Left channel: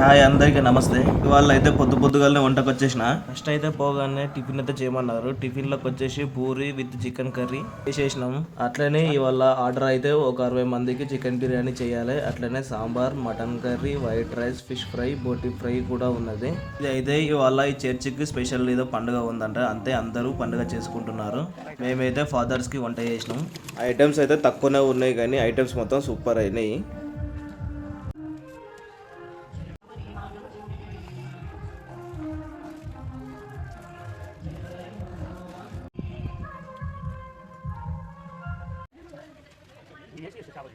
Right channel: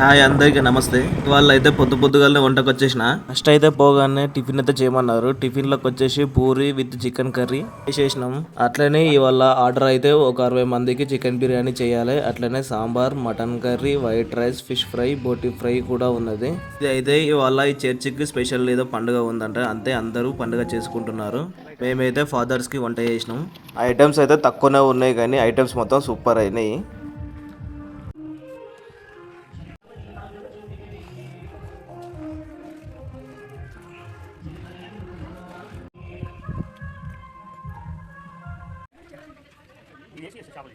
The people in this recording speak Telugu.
హాయ్ అందరికీ నమస్తే. ఇవాళ అయితే పొద్దుగాలనే వంటకు వచ్చేసిన. ఫస్ట్ అయితే పోగానే టిఫిన్ అయితే చేయమన్నారు. టిఫిన్ లోకి వచ్చేసి పూరి విత్ చికెన్ కర్రీ చేసేసినాం. అట్లనే ఇవాళ ఆర్డర్ అయితే ఒక 60 మందికి చికెన్ బిర్యానీ చేయాలి. అట్లనే sambar, mutton curry, white rice, fish fry, బోటి ఫ్రై కూడా ఉన్నది. ఇది అయితే ఇవాళ ఈ చర్చికి స్పెషల్ ఏదో పండుగ ఉందంట, అంతే అందరూ పండుగ చేసుకుంటున్నారు. మేమైతే ఫాదర్స్ కి వంట చేసినాం. ఐటమ్స్ అయితే తక్కువనే ఉన్నాయి కానీ ఐటమ్స్ మొత్తం సూపర్ అయినాయి. ये ऐसी ऐसे चावल